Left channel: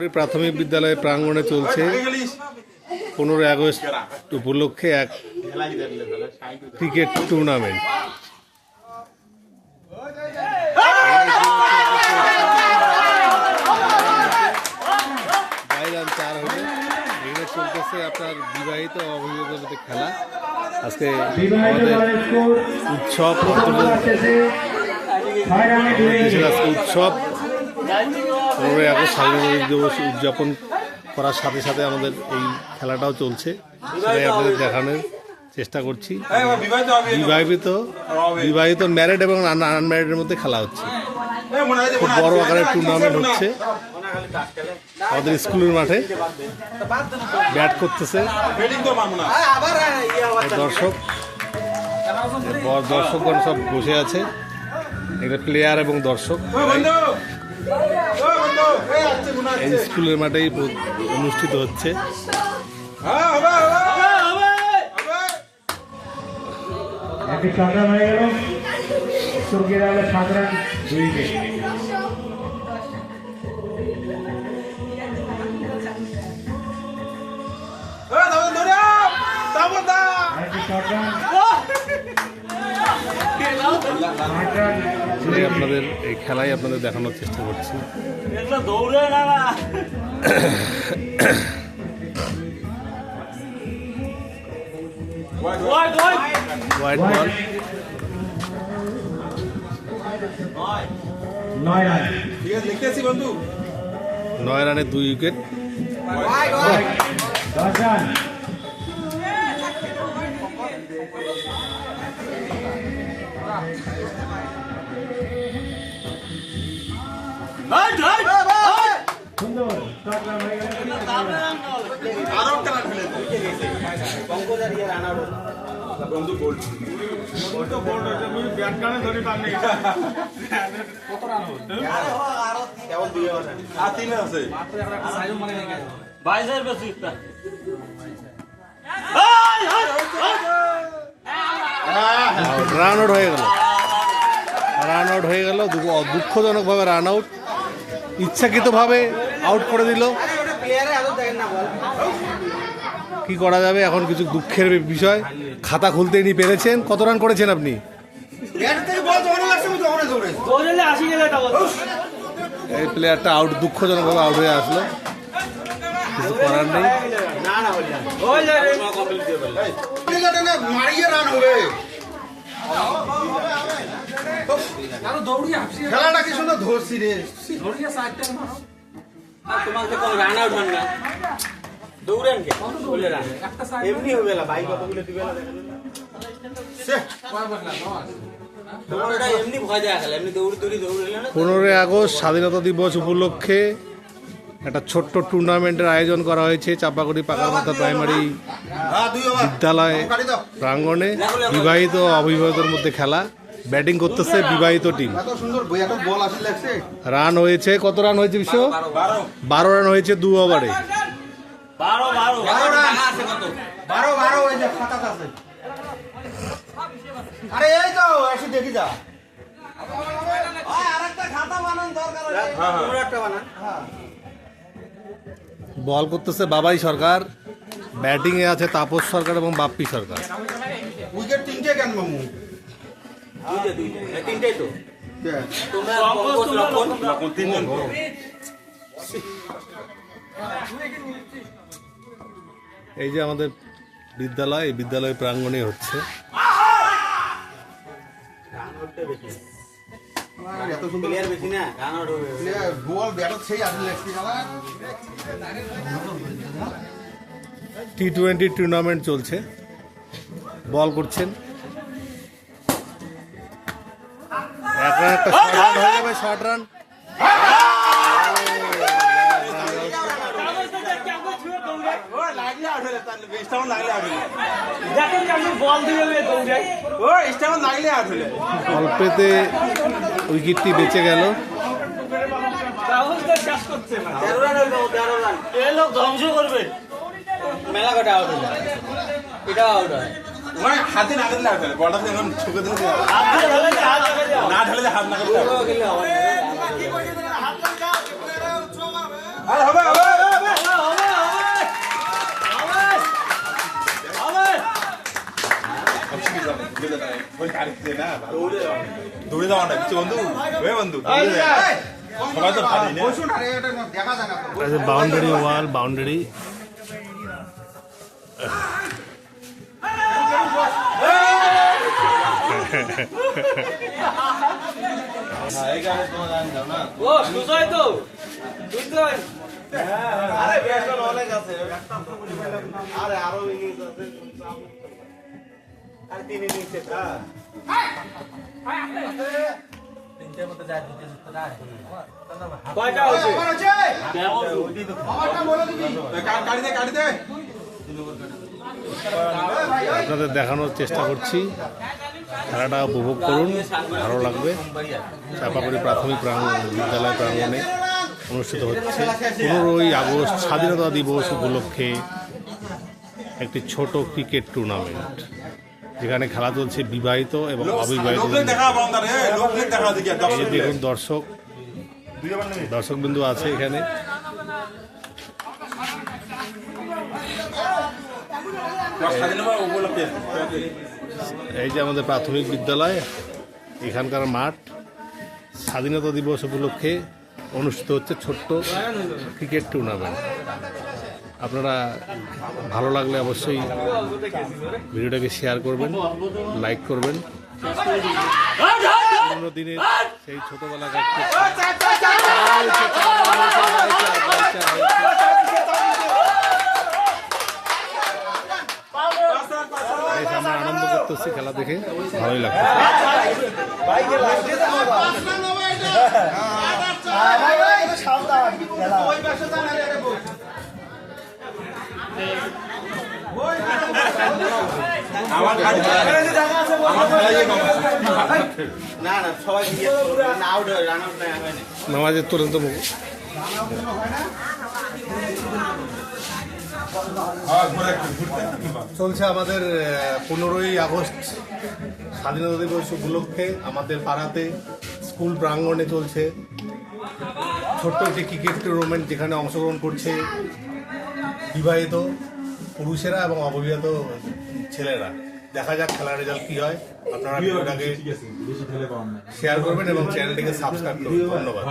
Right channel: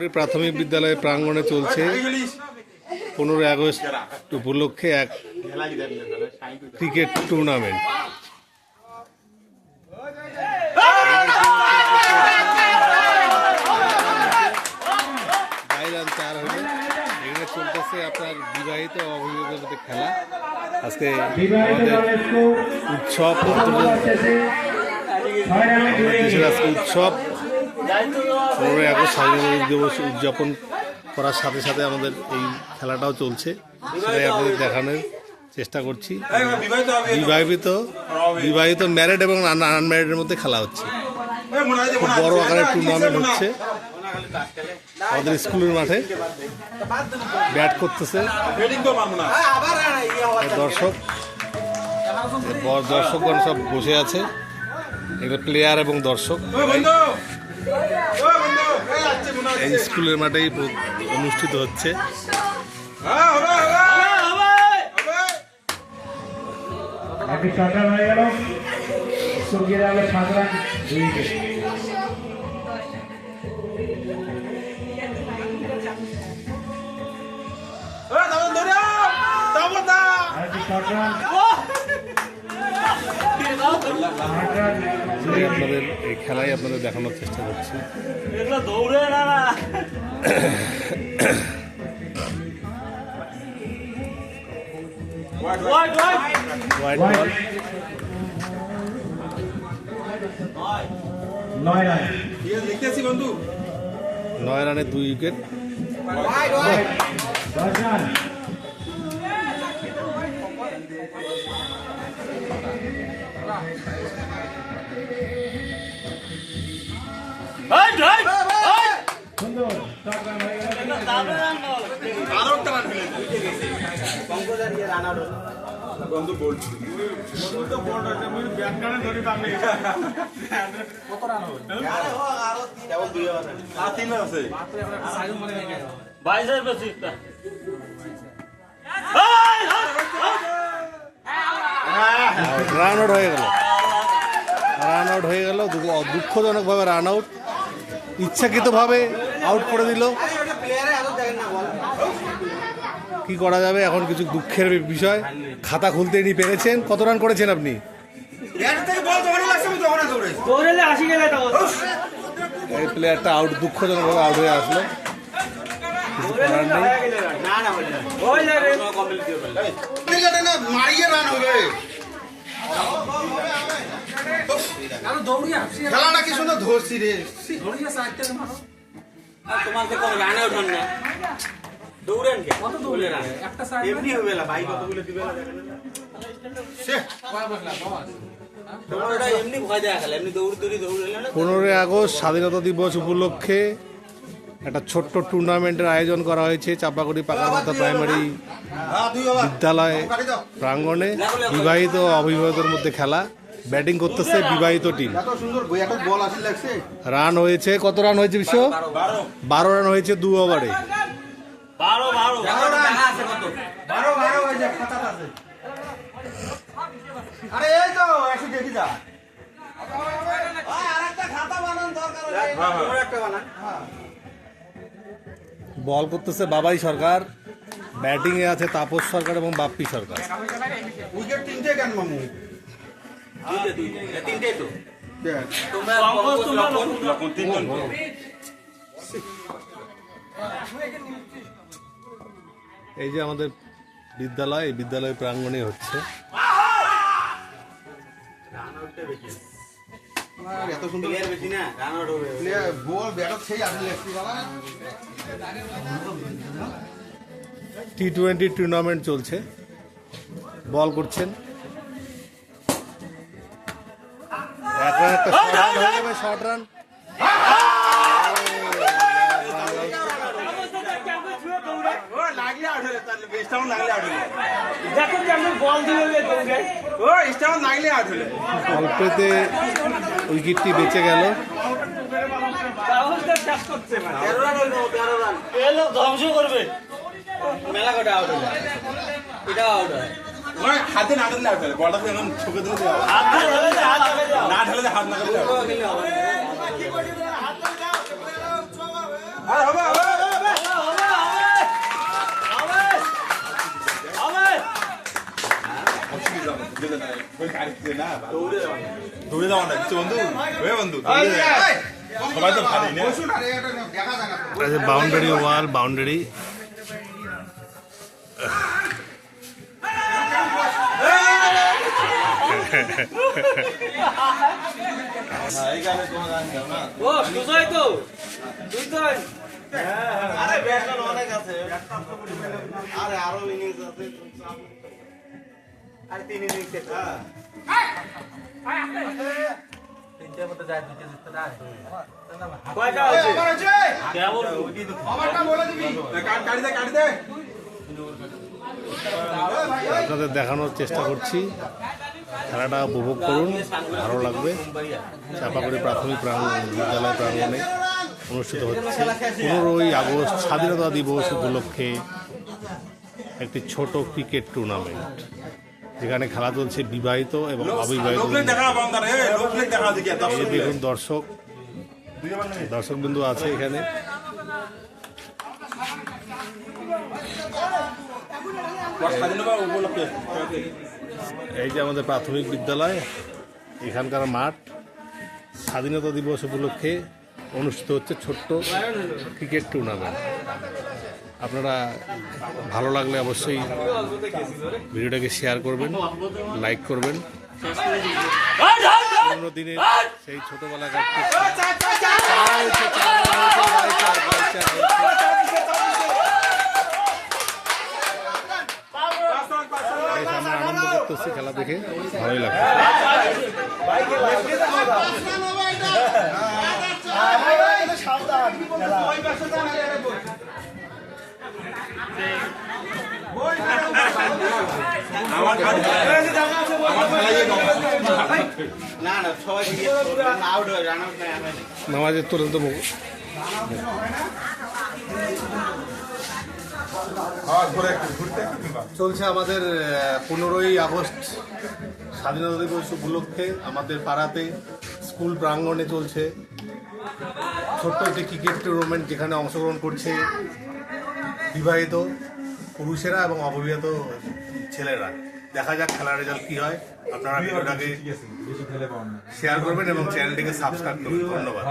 প্রাথমিক বিদ্যালয় প্রাঙ্গণে চলছে 15 আগস্ট উপলক্ষে এক ক্রিকেট টুর্নামেন্ট। বাইরান 4 হইলে এখানে চলতেছে আপনার বিবাহিত অভিভাবকদের মধ্যে খেলা। আজকে আমাদের উৎসব, দেশের আজকে উৎসব 15 আগস্ট স্বাধীনতা দিবস উদযাপন করার সাথে সাথে আমাদের এই খেলাটাও চলছে, সেটাই আপনাদের দেখানোর চেষ্টা করছি। বিবাহিত ম্যারিড এবং আনম্যারিডের মধ্যে খেলা হচ্ছে, খুব বড় আকারের টুর্নামেন্ট হচ্ছে। আমাদের স্কুলের মাঠে ব্যাট করতেছে দর্শকগণ সব বসে আছে, এখানে প্লেয়ার এবং দর্শক। এই স্কুলের মাঠেই অনুষ্ঠিত হচ্ছে। আপনাদের এই খেলাই আপনাদের দেখানোর চেষ্টা করছি। হোয়াইট বল, 9 রানে 2 উইকেট। রান আউট হয়ে গেল, দুঃখজনকভাবে রান আউট, ইচ্ছাকৃতভাবে আউট করে দিল। কি করা যাবে এখন, কিছু দুঃখের বিষয়। খাতা খুলতে নি পেরেছেন। কত রান করেছেন আপনি? এই প্লেয়ারটা আউট, দুঃখজনকভাবে আউট হয়ে আসলো, কিছু করার নেই। খেলাটা কি সুন্দর ধরছি রে। পনেরোই আগস্ট স্বাধীনতা দিবস উপলক্ষে একটা ছোট্ট টুর্নামেন্টের আয়োজন করা হয়েছে চাপাগুড়ি পাকারমাথা প্রাইমারি বিদ্যালয় প্রাঙ্গণে। বিবাহিত অভিভাবকদের মধ্যে খেলা, ব্যাটিং করতেছে বিবাহিত টিম। রান হয়েছে, কত রান হয়েছে বিশ্ব? 12 রান হয়েছে 2 ওভারে। বল করতেছে বাবাই সরকার, ব্যাটিং এ আছে তাপস সরকার এবং বাপ্পি সরকার। উইকেট 3টে কেন মামু? 3টে তো এই যে আমাদের বিদ্যালয়, এই বিদ্যালয় প্রাঙ্গণে হচ্ছে। T20 টুর্নামেন্ট চলছে। বল করছেন, এক রান, একটা শর্ট রান হয়ে যাবে, শর্ট রান। অল্পেতে উইকেটটি বেঁচে গেল। হাতে না দিলে বলটা এখন ছুকে দিলে না ঢালে হাত না করতে আরে হবে হবে দৌড়ে যাওয়া না কিছু বন্ধু বন্ধু সবাই তো ভারী না বাউন্ডারি ওয়াল বাউন্ডারি ও সুজয় তো সুজয় কয়টা হচ্ছে কাটি দে আপনাদের দেখানোর চেষ্টা করছি। খেলাটা উপভোগ করুন, ভালো লাগবে। চাপাগুড়ি প্রাথমিক বিদ্যালয় প্রাঙ্গণে অনুষ্ঠিত হচ্ছে 15ই আগস্ট স্বাধীনতা দিবস উপলক্ষে একটি ছোট ক্রিকেট টুর্নামেন্ট, যেখানে খেলা চলছে বিবাহিত এবং অবিবাহিত। এই যে দেখুন দর্শকবৃন্দ আছে এখানে। এই যে আমাদের প্রাথমিক বিদ্যালয়, এখানকার মাঠ স্বাধীনতা দিবস উপলক্ষে অনুষ্ঠিত হচ্ছে ছোট্ট ক্রিকেট টুর্নামেন্ট। আপনারা ভালো লাগলে অবশ্যই ভিডিওটাকে শেয়ার করবেন, লাইক করবেন। পুরোনো দিনের সেই ছোটবেলাকার বেশ আমরা আনন্দ করতেছি, খেলা দেখে ভালোই লাগছে। নামাজের তুরন্ত চলছে আমাদের 15ই আগস্ট স্বাধীনতা দিবস উপলক্ষে আমাদের পাড়াতে স্কুল প্রাঙ্গণে চলছে ছোট্ট একটি ক্রিকেট টুর্নামেন্ট, যেখানে অংশগ্রহণ করছে বিবাহিত পুরুষেরা এবং অবিবাহিত ছেলেরা। দেখা যাক খেলার রেজাল্ট কি হয়। আপনারা ভিডিওটাকে শেয়ার করবেন এবং চ্যানেলটিকে সাবস্ক্রাইব করবেন। ধন্যবাদ।